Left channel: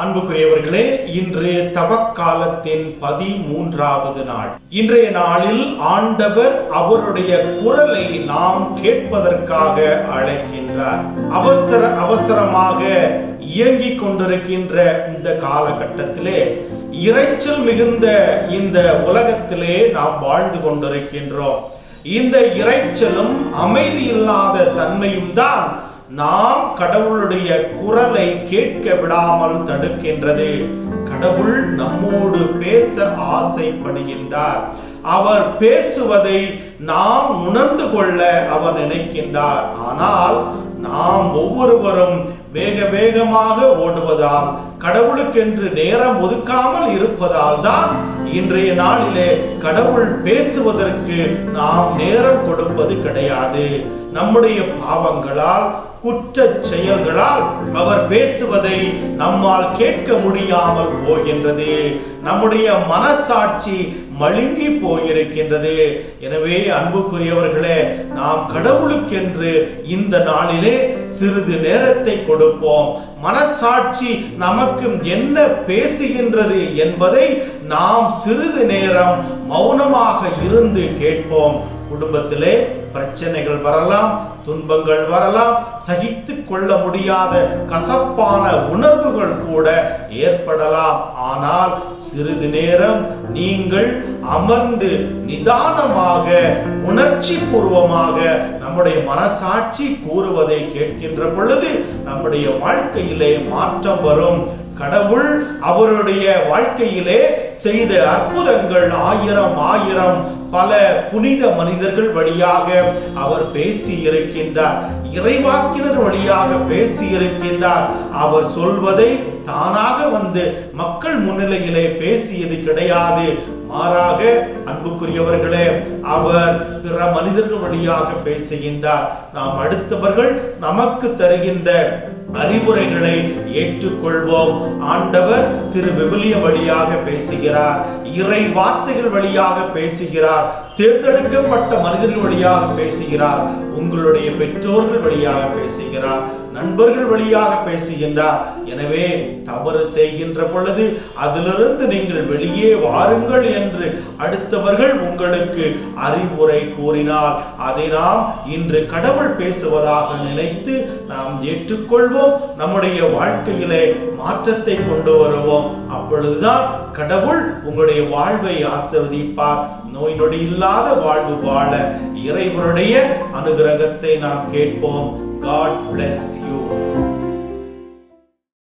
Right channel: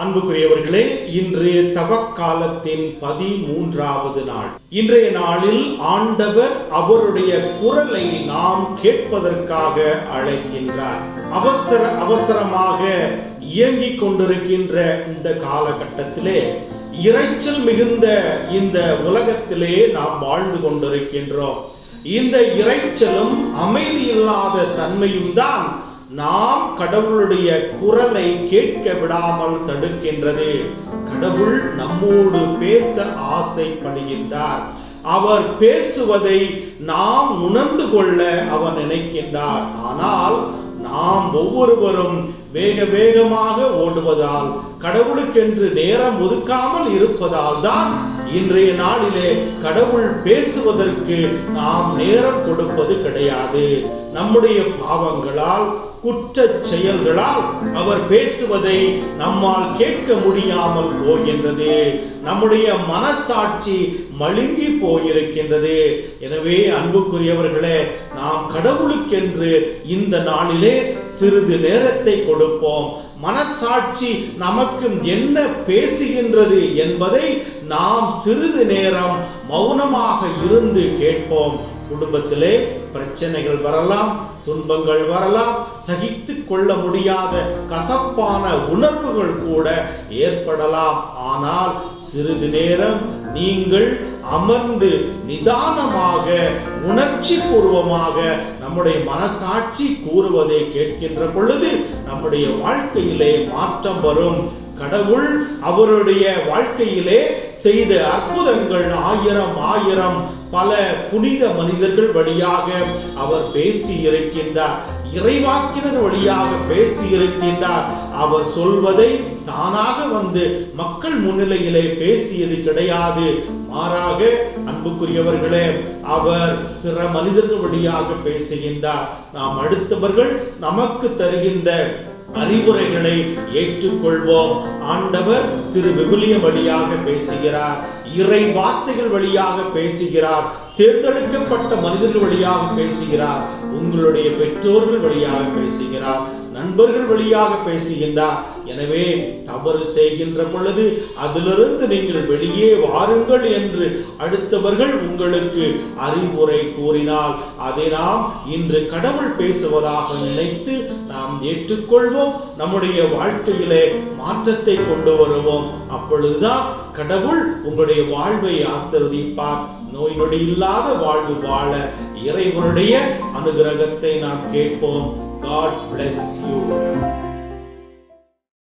அன்புக்குரியவர்களே, இன்று தவக்காலத்தின் 13வது நாள். இன்றைய நாளில் ஆண்டவர் அவருடைய குரலை நாம் கேட்பதற்காக அழைக்கின்றார். அவசரமாக இயங்கிக் கொண்டிருக்கின்ற இந்த காலகட்டத்திலே, இரைச்சல் மிகுந்த இந்த உலகத்திலே நாம் வாழ்ந்து கொண்டிருக்கின்றோம். இந்த இரைச்சலும் அமைதியில்லாத தன்மையும் தான் நாம் கடவுளுடைய குரலை கேட்க விடாமல் தடுக்கின்றது. கடவுள் நம்மோடு பேச ஆசைப்படுகின்றார். அவர் பேசுவதை நாம் உணர்ந்து கொள்ள அவர் நினைக்கின்றார். ஆனால் நாம் ஒவ்வொருவரும் வேகமாக ஓடுவதால், கடவுளுக்கென்று நேரம் ஒதுக்காமல் இருப்பதால் தான் இன்றைய நாளிலே கடவுள் பேசுவதற்கு நாம் நேரம் கொடுப்பது கிடையாது. நம்முடைய பாவங்களால், குற்ற செயல்களால் அவர் பேசுவதை நம்மால் கேட்க முடியாமல் போகின்றது. நம்முடைய மனசாட்சி மழுங்கி போயிருக்கின்றது. எனவே அன்புக்குரியவர்களே, நாம் கடவுளுக்கென்று இந்த நாளிலே சிறிது நேரத்தை கொடுப்போம். மனசாட்சி நமக்கு என்ன பேசுகின்றது என்பதை நாம் சிறிது நேரம் மௌனமாக இருந்து கேட்போம். குடும்பத்திலே பிரச்சனைகள் வரலாம், துன்பங்கள் வரலாம், சகித்து கொள்ள முடியாத கசப்பான உணர்வுகள் கூட ஏற்படலாம். ஆனால் சிறிது நேரம் நீங்கள் அமர்ந்து நிதானமாக, உணர்ச்சி பூர்வமாக நம்முடைய மனசாட்சி கூறுவதை கேட்கின்ற பொழுது நம்முடைய வாழ்க்கையிலே மாற்றம் வரும். கடவுள் அவருடைய வாழ்க்கையிலே செய்த அற்புதங்கள் ஆயிரம் பல புனித மனிதர்கள் வழியாக அவர் பேசி இருக்கின்றார். இறைவாக்கினர் வழியாக பேசி இருக்கின்றார். அவர் சொல்வதை தானாக வந்து மக்கள் முன்னிலையிலே பேசியது கிடையாது. மாறாக அன்புக்குரியவர்களே, அவர் பிற மனிதர்கள் வழியாக பேசுகின்றார். நாம் அடுத்தவர்கள் நமக்கு தருகின்ற அறிவுரைகளை ஏற்றுக்கொள்வோம். ஆண்டவர் திரு விவிலியம் வழியாக பேசுகிறார், இறை வார்த்தைகள் வழியாக பேசுகிறார், தேர்ந்தெடுக்கப்பட்ட மனிதர்கள் வழியாக பேசுகிறார், உங்களுடைய பெற்றோர்கள் வழியாக பேசுகிறார், நண்பர்கள் வழியாக பேசுகின்றார். எனவே தவறு செய்கின்ற பொழுது அதிலிருந்து நீங்கள் வெளியே வாருங்கள் என்று அடுத்தவர்கள் உங்களுக்கு அறிவுரை கூறினால் அதை நாம் இன்று கடவுள் பேசுவதாக நினைத்து நாம் ஏற்றுக்கொள்வோம். நம்முடைய வாழ்க்கையிலே மாற்றத்தை கொண்டு வருவோம். அப்பொழுதுதான் கடவுள் உங்களுடைய வாழ்வை ஆசீர்வதிப்பார். நோய் நொடி இல்லாத வாழ்வு வாழ இறைவனுடைய அனுகிரகத்தை நாம் கேட்போம். God bless you.